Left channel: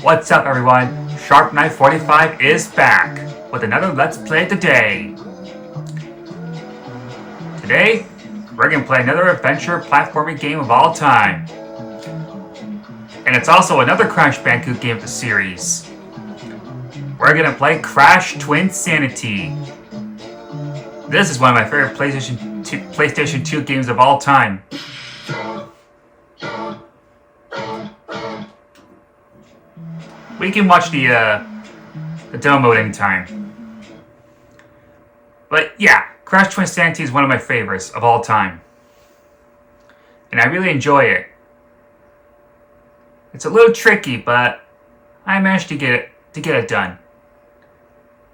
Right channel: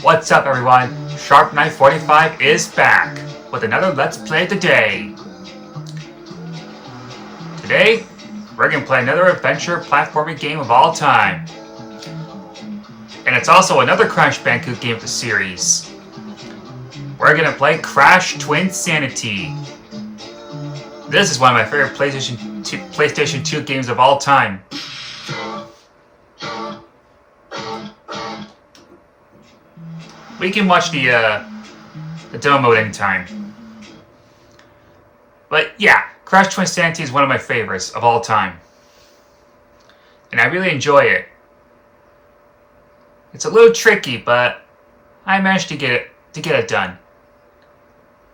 What's up everyone? Sharp Knife 45 is back with another Let's Play of the day. Today, we're going to play another adventure platforming game of all time. And it's also another Crash Bandicoot game of the series. We're going to play Crash Twinsanity. This is one of my favorite PlayStation 2 games of all time. We can watch the demo mode anytime. But yeah, Crash Twinsanity is one of my favorites of all time. And I really enjoy it. It's a little tricky, but I managed to get it done.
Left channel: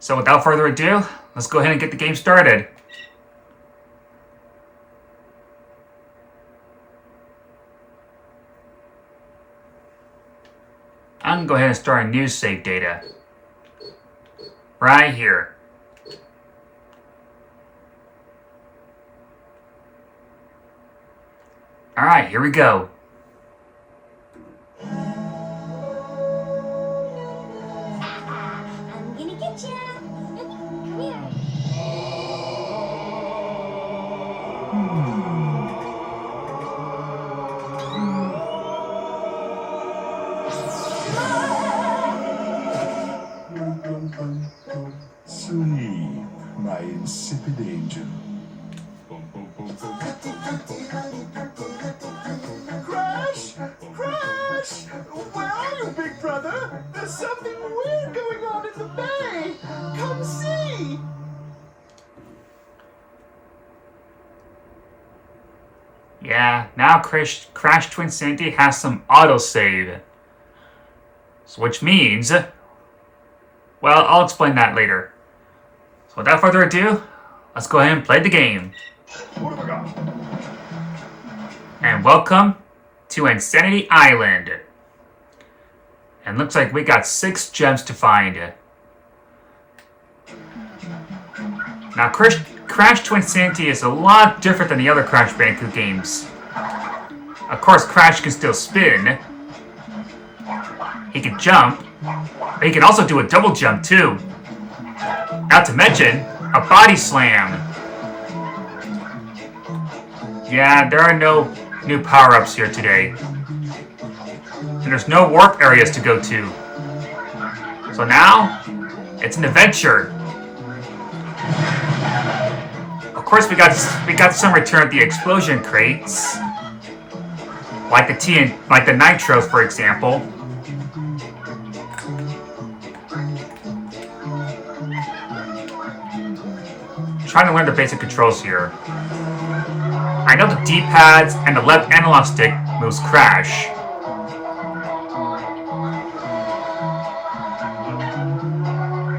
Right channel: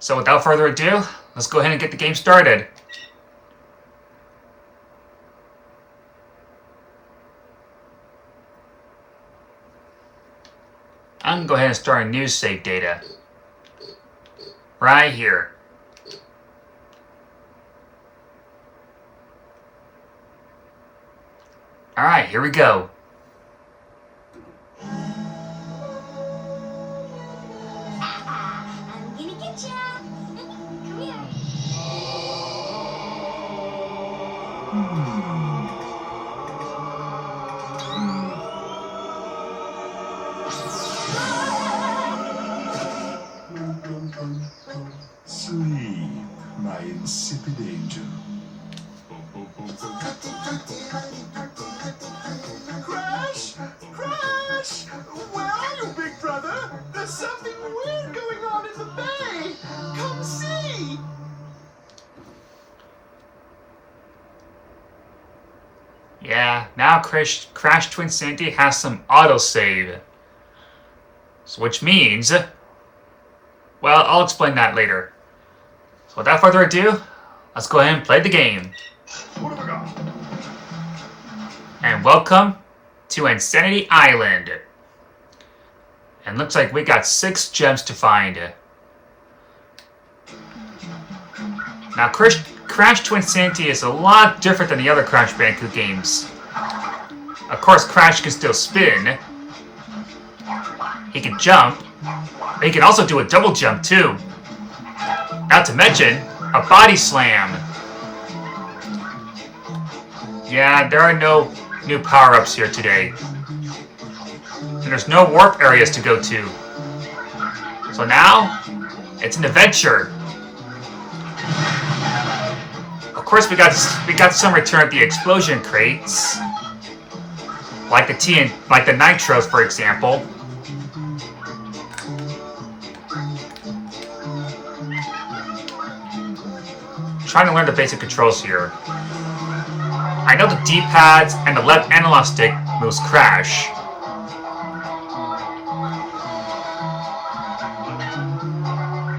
So without further ado, let's go ahead and get the game started. I'm going to go ahead and start a new save data. Right here. Alright, here we go. I'm gonna get ya! Come here. Sleep, my insipid angel. Crash! Crash! Where are you, big brother? There's something weird going on in the bay! Come see! Yeah, now Crash Twinsanity has some autosave. So which means... well, I'll explain that later. So without further ado, let's go ahead and play the game. What have I got? And welcome to Insanity Island. And looks like we got 6 gems to find. Now, Crash Twinsanity is a lot different than the other Crash Bandicoot games. Of course, Crash can still spin. He can jump. But he can also do a double jump, too. Not to mention, a body slam. Yeah, there are no new power-ups here today. And there's no warp areas to go to. So now, it's an adventure. Of course, we got some return of the explosion crates, like the nitros, for example. Trying to learn the basic controls here. I know the D-pads and the left analog stick moves Crash.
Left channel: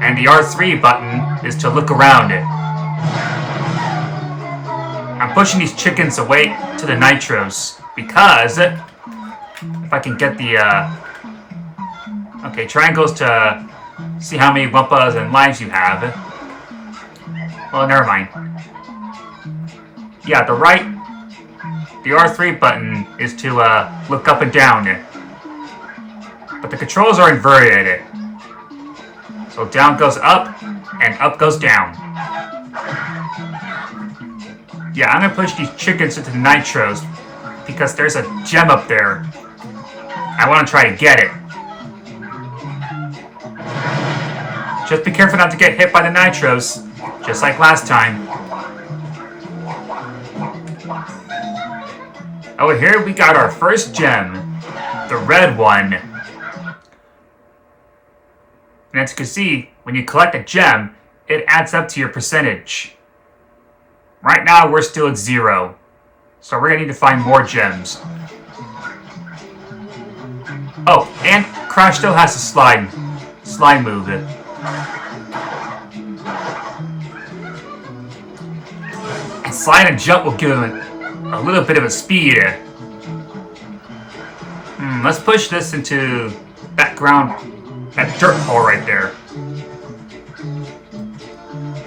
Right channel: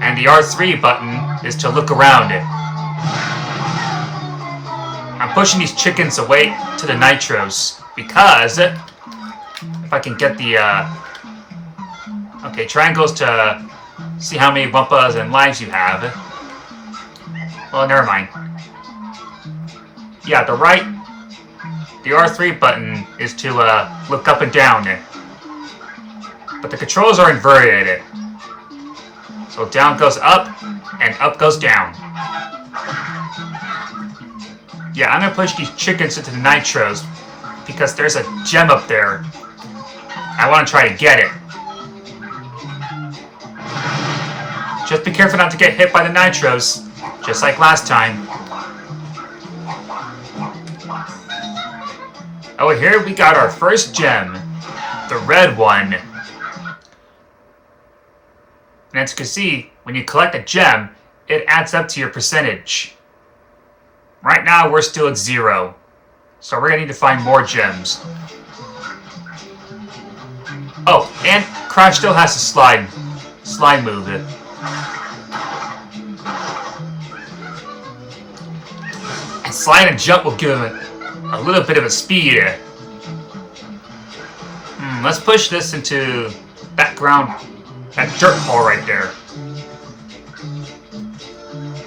And the R3 button is to look around it. I'm pushing these chickens away to the nitros because if I can get the okay, triangles to see how many wumpas and lives you have. Well, never mind. Yeah, the R3 button is to look up and down. But the controls are inverted. So down goes up, and up goes down. Yeah, I'm gonna push these chickens into the nitros because there's a gem up there. I want to try to get it. Just be careful not to get hit by the nitros, just like last time. Oh, here we got our first gem, the red one. And as you can see, when you collect a gem, it adds up to your percentage. Right now, we're still at 0. So we're gonna need to find more gems. Oh, and Crash still has a slide move. And slide and jump will give him a little bit of a speed. Let's push this into that dirt hole right there.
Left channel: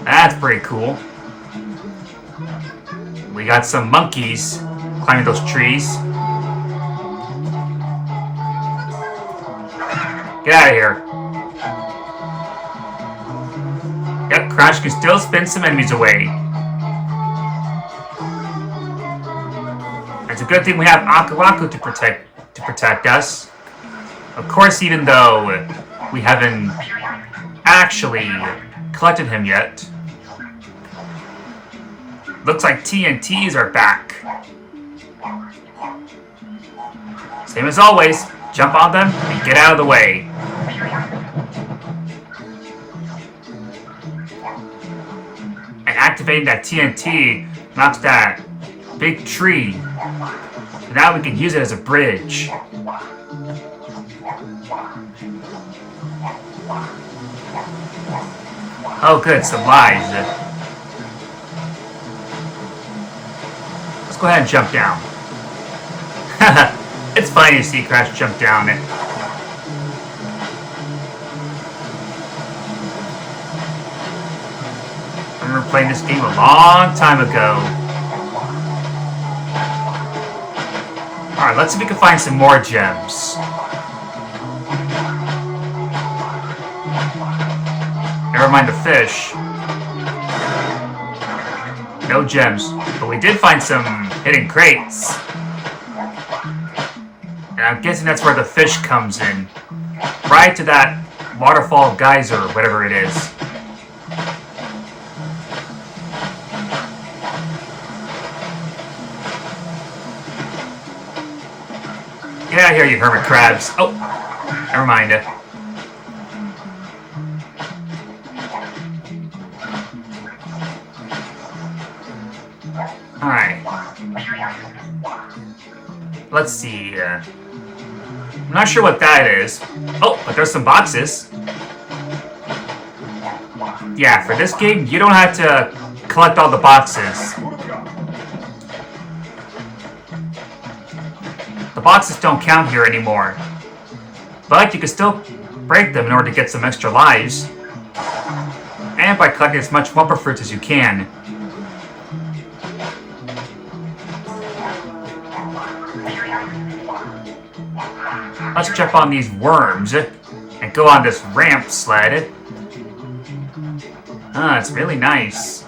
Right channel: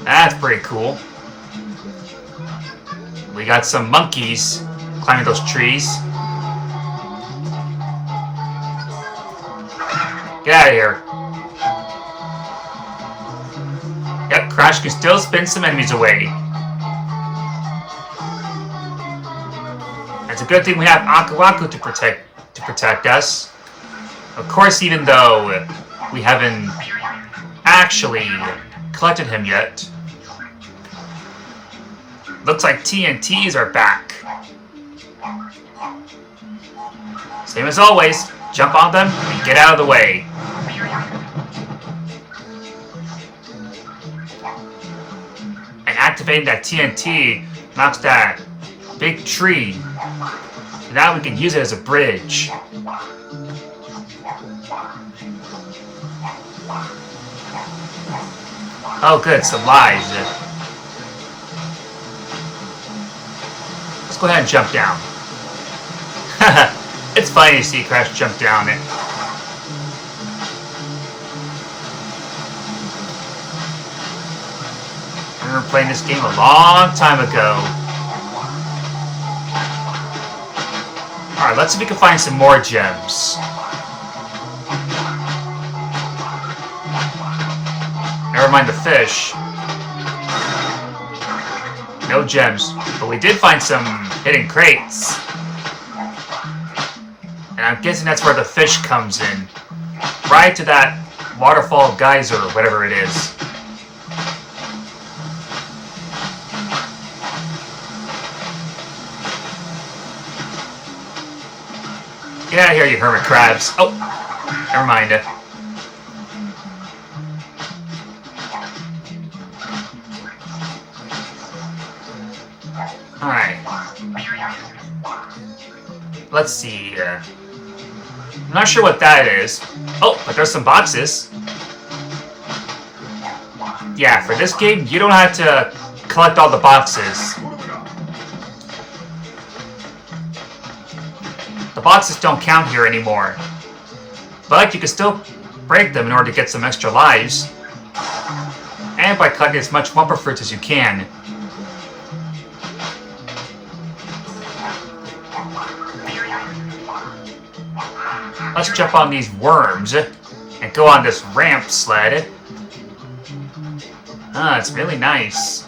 That's pretty cool. We got some monkeys climbing those trees. Get out of here. Yep, Crash can still spin some enemies away. It's a good thing we have Aku Aku to protect us. Of course, even though we haven't actually collected him yet. Looks like TNTs are back. Same as always, jump on them and get out of the way. And activating that TNT knocks that big tree. So now we can use it as a bridge. Oh good, some lives. Let's go ahead and jump down. It's funny to see Crash jump down it. I remember playing this game a long time ago. Alright, let's see if we can find some more gems. Never mind the fish. No gems. But we did find some hidden crates. And I'm guessing that's where the fish comes in. Right to that waterfall geyser, or whatever it is. Get out of here, you hermit crabs. Oh, never mind. Alright. Let's see. I'm not sure what that is. Oh, but there's some boxes. Yeah, for this game, you don't have to collect all the boxes. The boxes don't count here anymore. But you can still break them in order to get some extra lives. And by collecting as much Wumpa Fruits as you can. Let's jump on these worms and go on this ramp sled. Ah, it's really nice.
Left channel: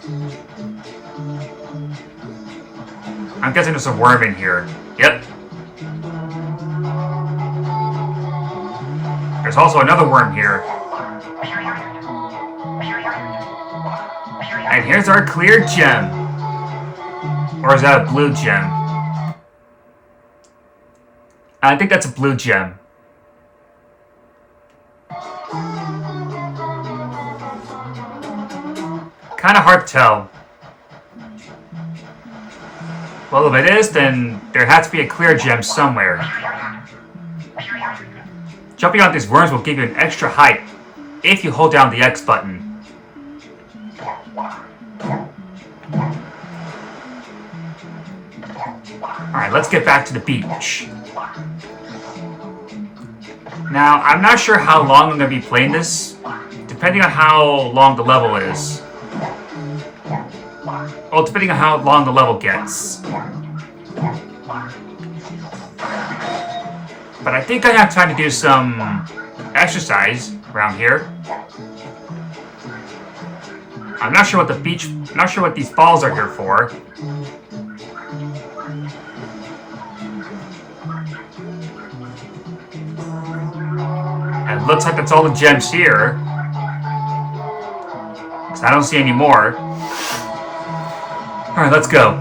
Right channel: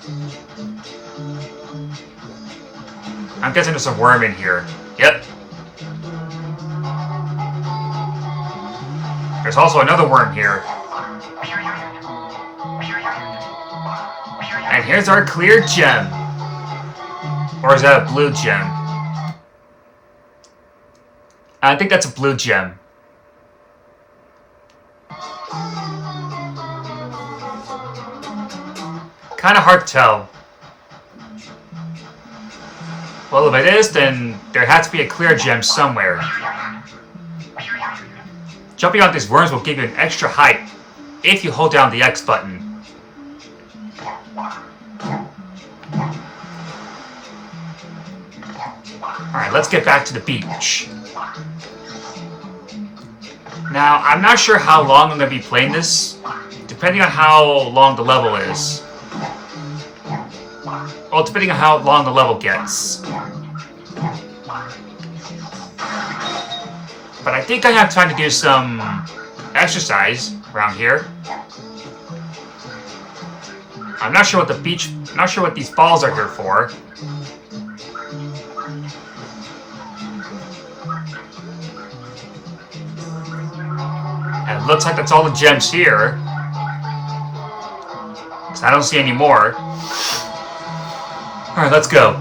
I'm guessing there's a worm in here. Yep. There's also another worm here. And here's our clear gem. Or is that a blue gem? I think that's a blue gem. Kind of hard to tell. Well, if it is, then there has to be a clear gem somewhere. Jumping on these worms will give you an extra height if you hold down the X button. Alright, let's get back to the beach. Now, I'm not sure how long I'm going to be playing this, depending on how long the level is. Oh, depending on how long the level gets. But I think I have time to do some exercise around here. I'm not sure what these balls are here for. And it looks like that's all the gems here. Because I don't see any more. Alright, let's go.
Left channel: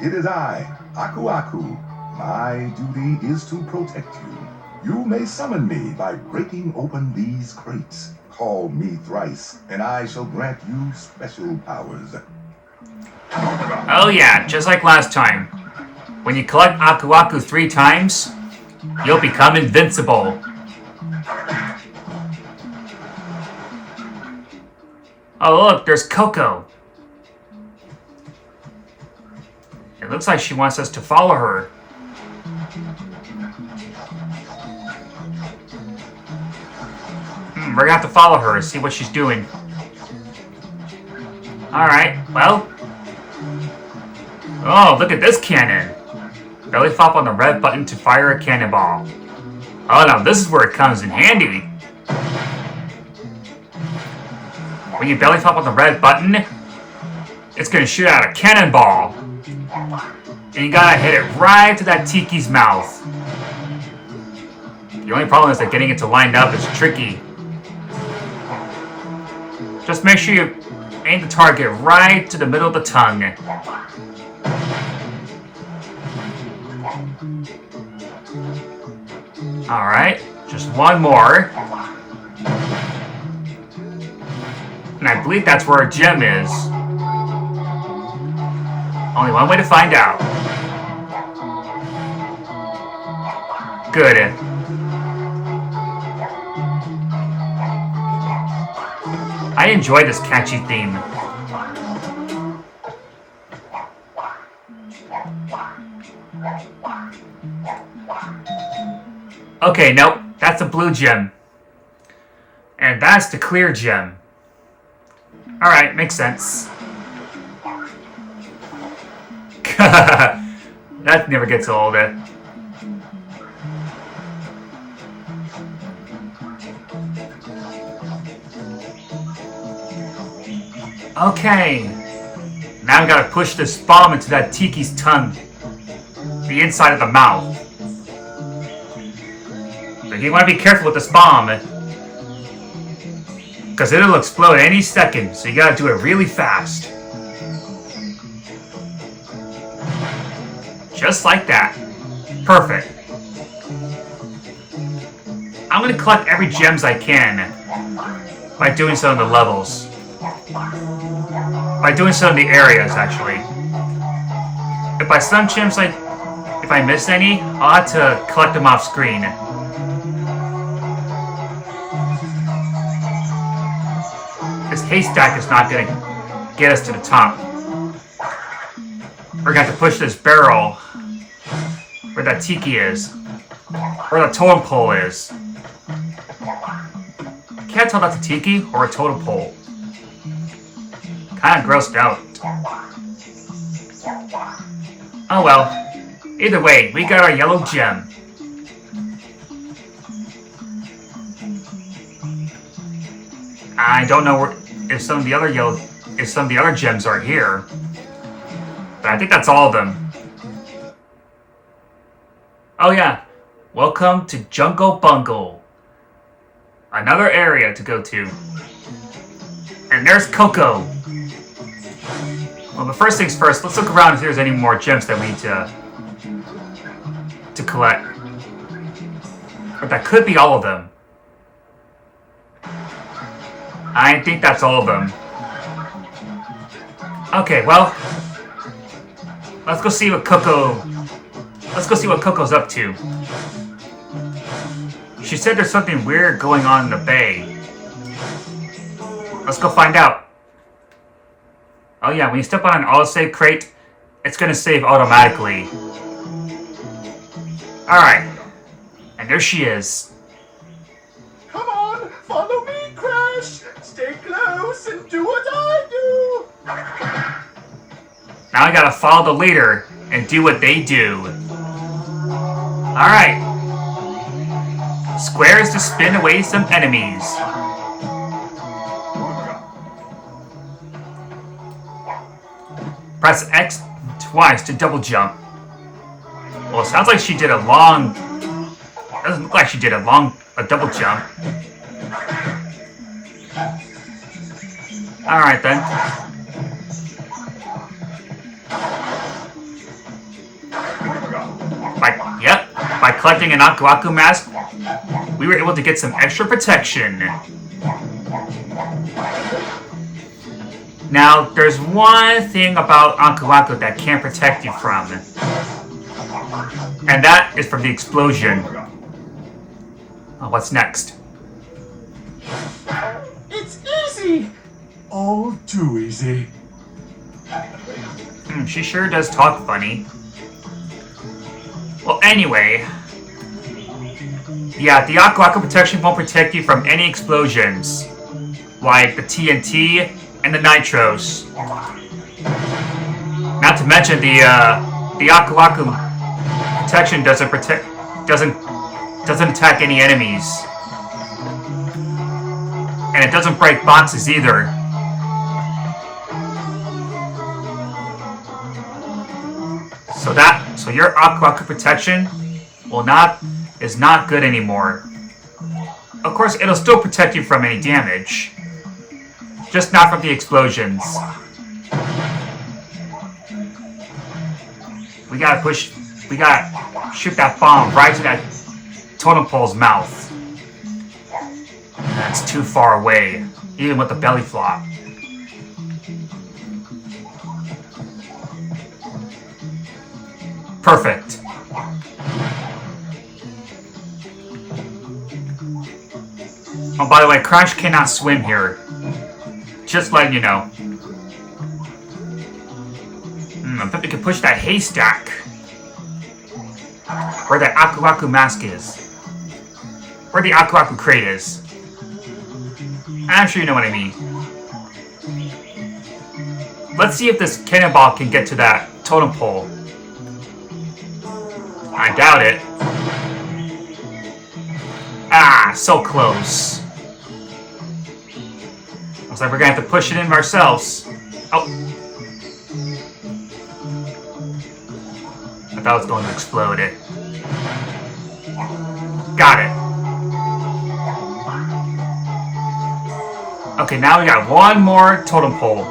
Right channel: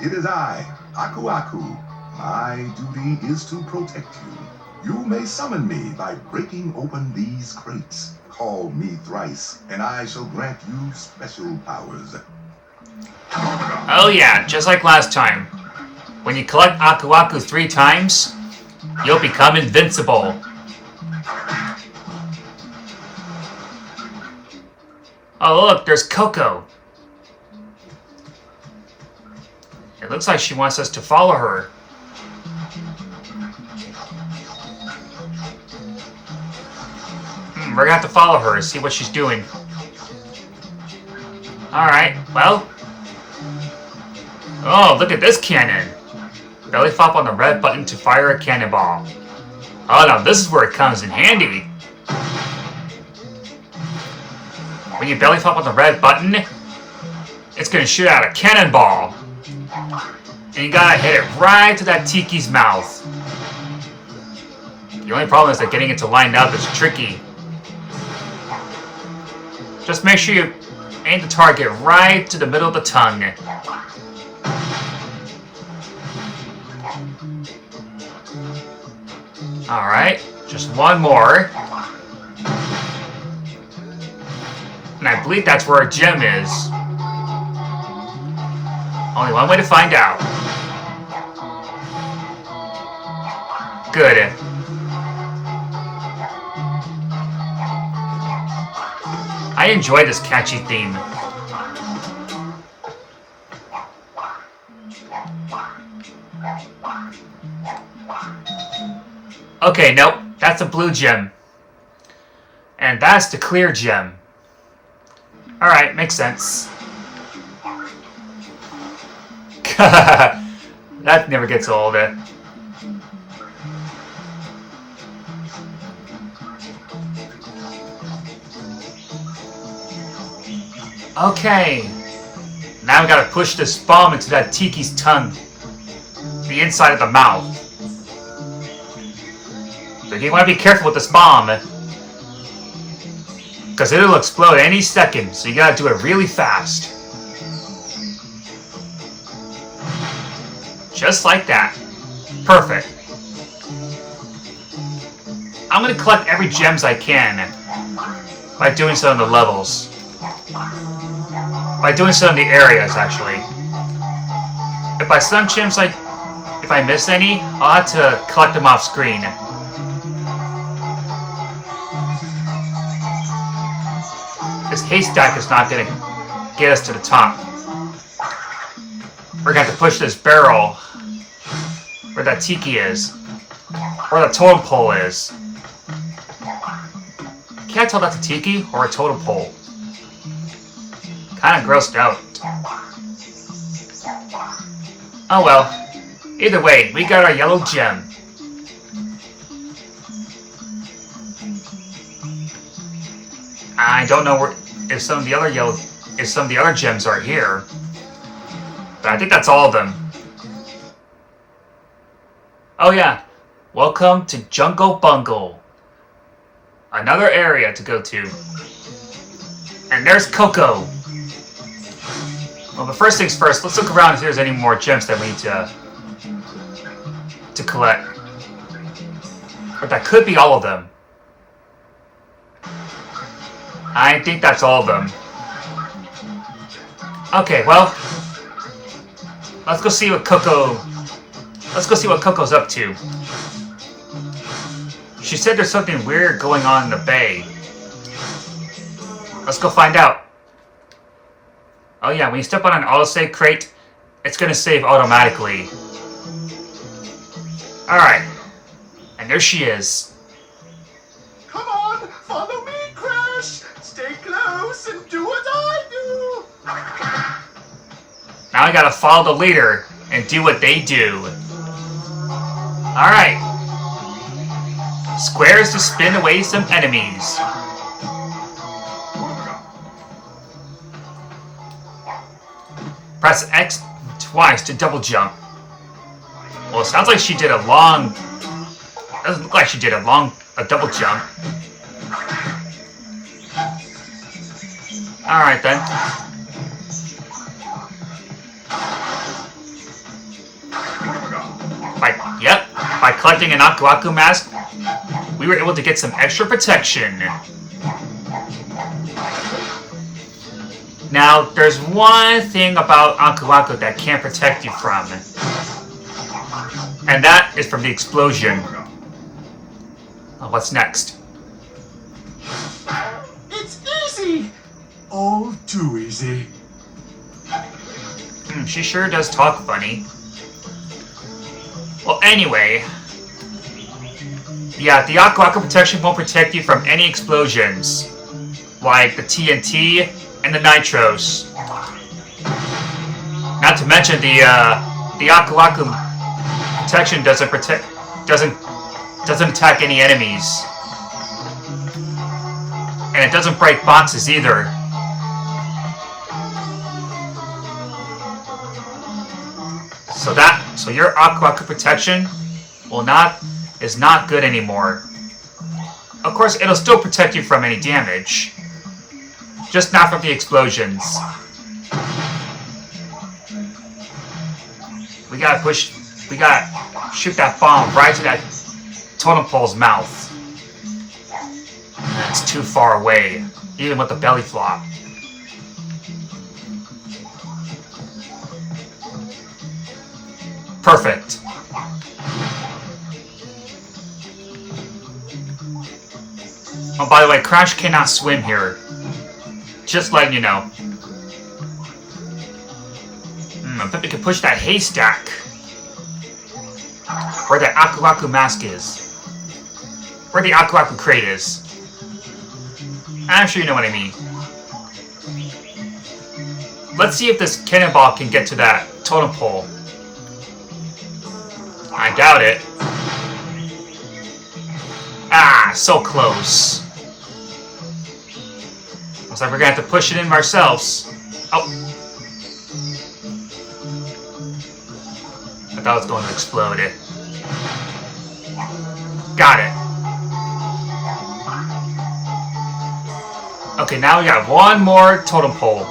It is I, Aku Aku. My duty is to protect you. You may summon me by breaking open these crates. Call me thrice, and I shall grant you special powers. Oh yeah, just like last time. When you collect Aku Aku 3 times, you'll become invincible. Oh look, there's Coco. It looks like she wants us to follow her. We're gonna have to follow her and see what she's doing. Alright, well. Oh, look at this cannon. Belly flop on the red button to fire a cannonball. Oh, now this is where it comes in handy. When you belly flop on the red button, it's gonna shoot out a cannonball. And you gotta hit it right to that Tiki's mouth. The only problem is that getting it to line up is tricky. Just make sure you aim the target right to the middle of the tongue. Alright, just one more. And I believe that's where a gem is. Only one way to find out. Good. I enjoy this catchy theme. Okay, nope, that's a blue gem. And that's the clear gem. Alright, makes sense. That never gets old. Okay. Now we gotta push this bomb into that Tiki's tongue. The inside of the mouth. But you wanna be careful with this bomb. Because it'll explode any second, so you gotta do it really fast. Just like that. Perfect. I'm gonna collect every gems I can by doing so in the levels. By doing so in the areas, actually. If by some gems if I miss any, I'll have to collect them off screen. This haystack is not gonna get us to the top. We're gonna have to push this barrel where that Tiki is. Where the totem pole is. Can't tell that's a Tiki or a totem pole. Kinda grossed out. Oh well. Either way, we got our yellow gem. I don't know if some of the other gems are here. But I think that's all of them. Oh yeah. Welcome to Jungle Bungle. Another area to go to. And there's Coco. Well, the first things first, let's look around and see if there's any more gems that we need to collect. But that could be all of them. I think that's all of them. Okay, well, let's go see what Coco's up to. She said there's something weird going on in the bay. Let's go find out. Oh yeah, when you step on an autosave crate, it's gonna save automatically. Alright. And there she is. Come on, follow me, Crash. Stay close and do what I do. Now I gotta follow the leader and do what they do. Alright. Squares to spin away some enemies. Press X twice to double jump. Well, it sounds like she did a long... Doesn't look like she did a double jump. Alright then. By collecting an Aku Aku mask, we were able to get some extra protection. Now, there's one thing about Aku Aku that can't protect you from. And that is from the explosion. What's next? It's easy. All too easy. She sure does talk funny. Well, anyway. Yeah, the Aku Aku protection won't protect you from any explosions. Like the TNT and the Nitros. Not to mention the Aku Aku protection doesn't Doesn't attack any enemies. And it doesn't break boxes either. So your Aku Aku protection is not good anymore. Of course, it'll still protect you from any damage. Just not from the explosions. We gotta shoot that bomb right to that totem pole's mouth. That's too far away, even with the belly flop. Perfect. Oh, by the way, Crash cannot swim here. Just letting you know. I bet we can push that haystack. Where that Aku Aku mask is. Where the Aku Aku crate is. I'm sure you know what I mean. Let's see if this cannonball can get to that totem pole. I doubt it. Ah, so close. Looks like we're gonna have to push it in ourselves. Oh. I thought it was going to explode. Got it. Okay, now we got one more totem pole.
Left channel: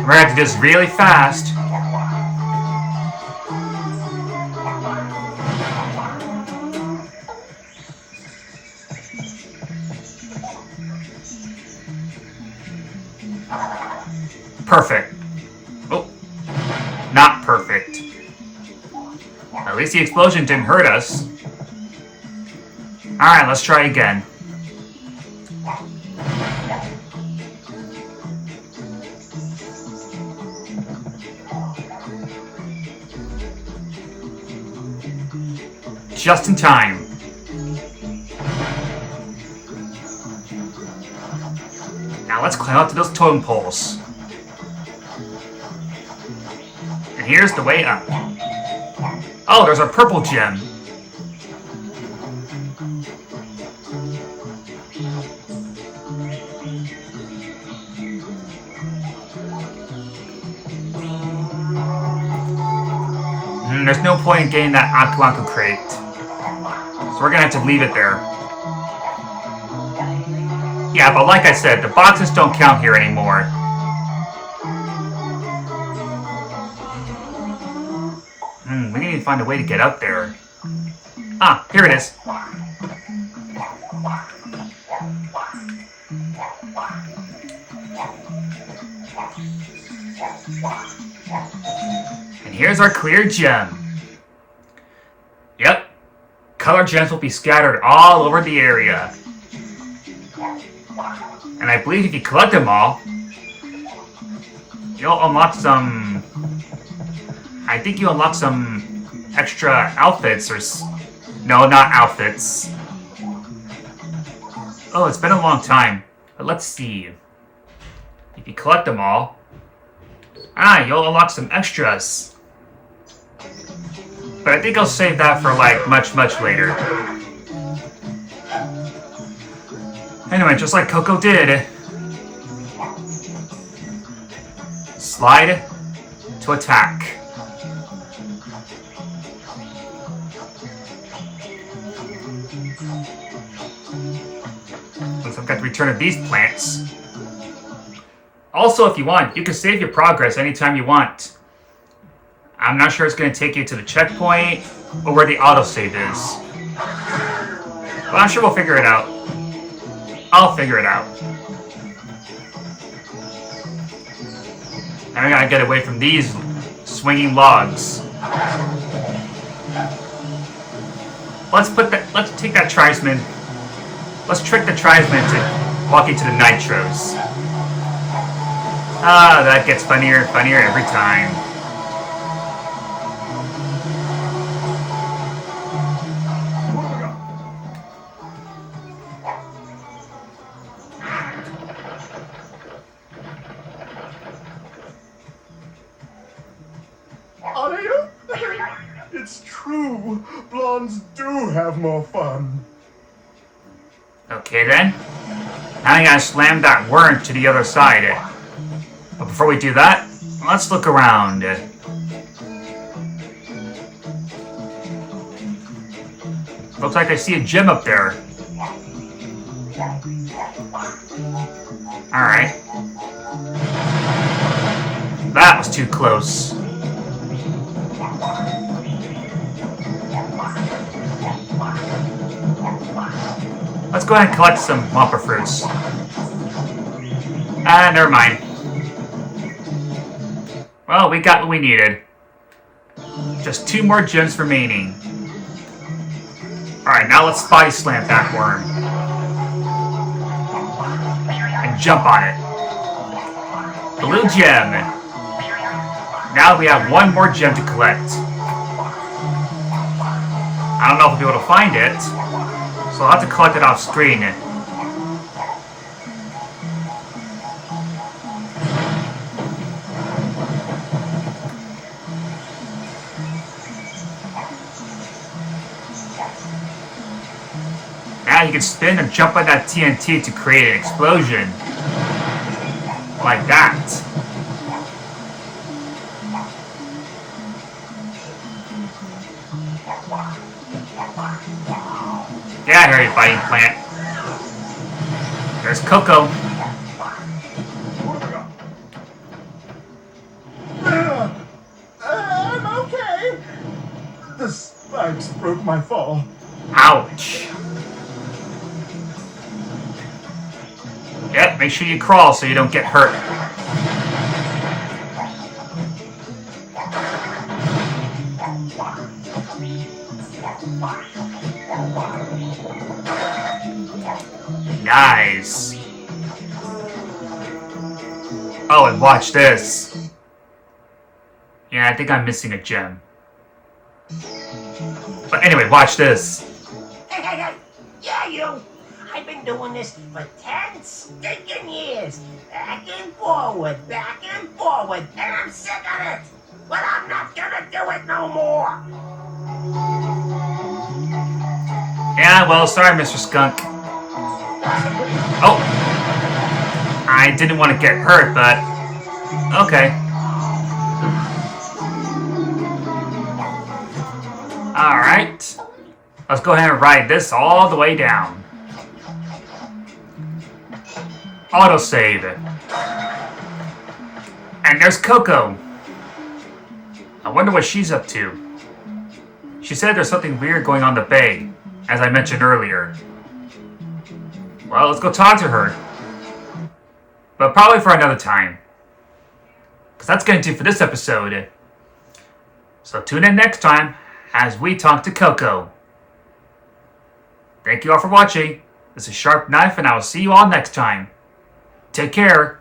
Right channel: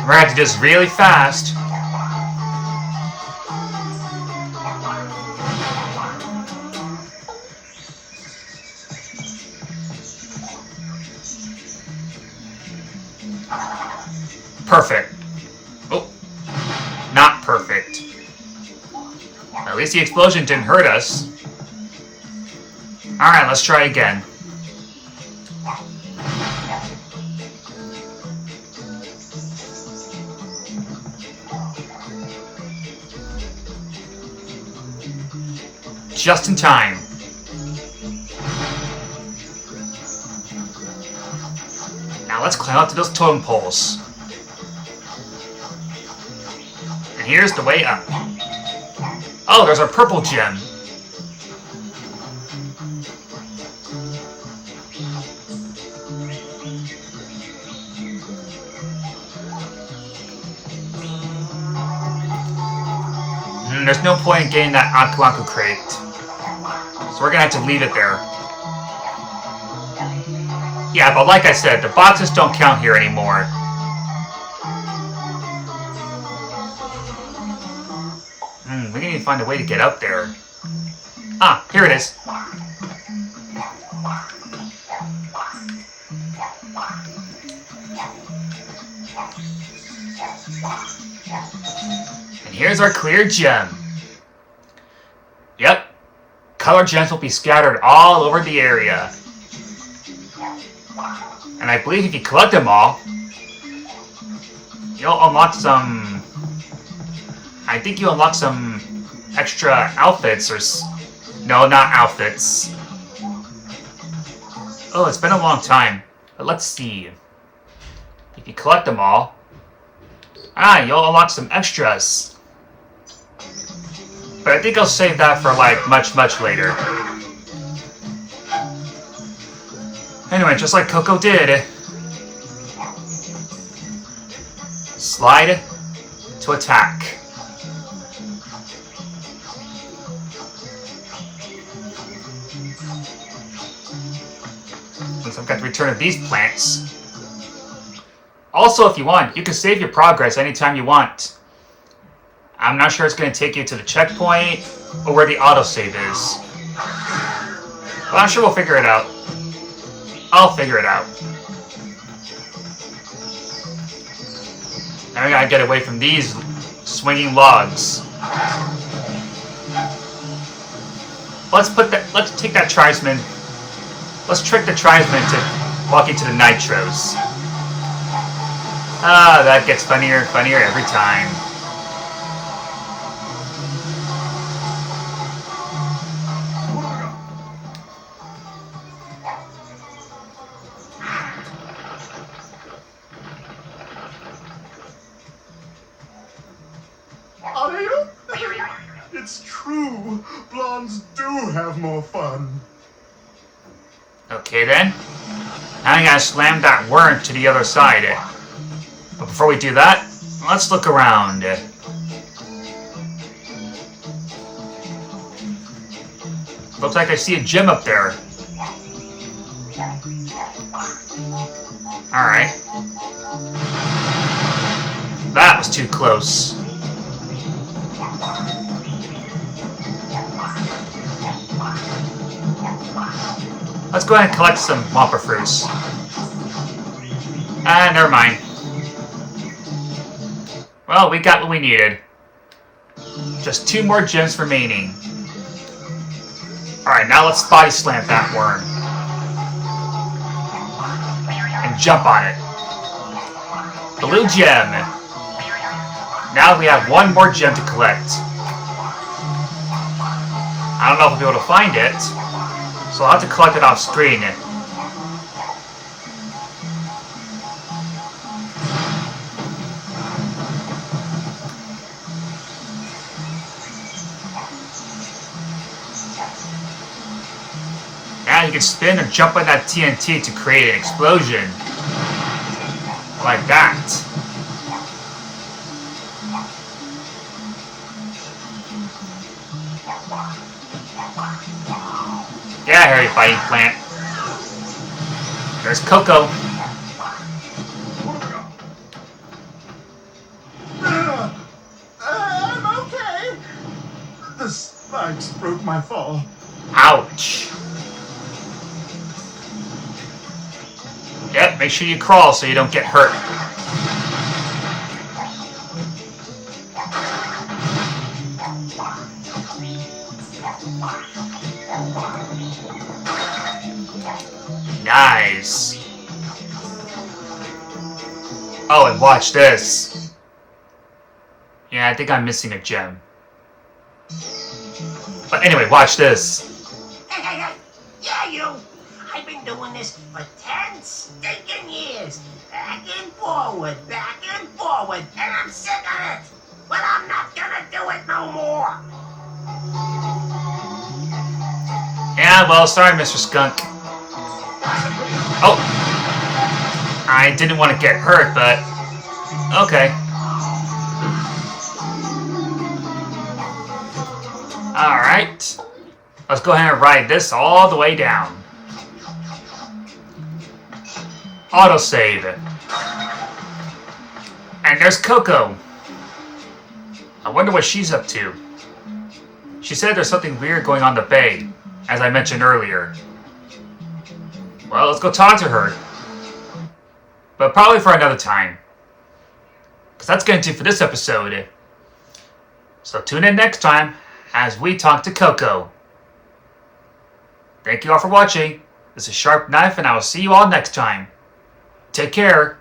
We're gonna have to do this really fast. Perfect. Oh, not perfect. At least the explosion didn't hurt us. Alright, let's try again. Just in time. Now let's climb up to those totem poles. And here's the way up. Oh, there's our purple gem. There's no point in getting that Aku Aku crate. So we're gonna have to leave it there. Yeah, but like I said, the boxes don't count here anymore. We need to find a way to get up there. Ah, here it is. And here's our clear gem. Yep. Color gems will be scattered all over the area. And I believe if you collect them all, you'll unlock some... I think you unlock some extra outfits or... No, not outfits. Oh, it's been a long time. But let's see. If you collect them all... you'll unlock some extras. But I think I'll save that for, like, much, much later. Anyway, just like Coco did. Slide to attack. Since I've got the return of these plants. Also, if you want, you can save your progress anytime you want. I'm not sure it's going to take you to the checkpoint or where the autosave is. But I'm sure we'll figure it out. I'll figure it out. And we gotta get away from these swinging logs. Let's take that tribesman. Let's trick the tribesman to walk into the nitros. Ah, that gets funnier and funnier every time. It's true. done. Okay then. Now I gotta slam that worm to the other side. But before we do that, let's look around. Looks like I see a gem up there. Alright. That was too close. Let's go ahead and collect some Wampa fruits. Ah, never mind. Well, we got what we needed. Just 2 more gems remaining. Alright, now let's body slam that worm. And jump on it. Blue gem. Now we have 1 more gem to collect. I don't know if we'll be able to find it, so I'll have to collect it off screen. Now you can spin and jump on that TNT to create an explosion. Like that. Yeah, I hear you, fighting plant. There's Coco. I'm okay. The spikes broke my fall. Ouch. Yep, make sure you crawl so you don't get hurt. Nice. Oh, and watch this. Yeah, I think I'm missing a gem. But anyway, watch this. Hey, yeah, you! I've been doing this for 10 stinking years. Back and forward, and I'm sick of it. But I'm not gonna do it no more. Yeah, well, sorry, Mr. Skunk. Oh! I didn't want to get hurt, but... okay. Alright. Let's go ahead and ride this all the way down. Autosave. And there's Coco. I wonder what she's up to. She said there's something weird going on in the bay, as I mentioned earlier. Well, let's go talk to her. But probably for another time. Because that's going to do for this episode. So tune in next time as we talk to Coco. Thank you all for watching. This is Sharp Knife, and I will see you all next time. Take care.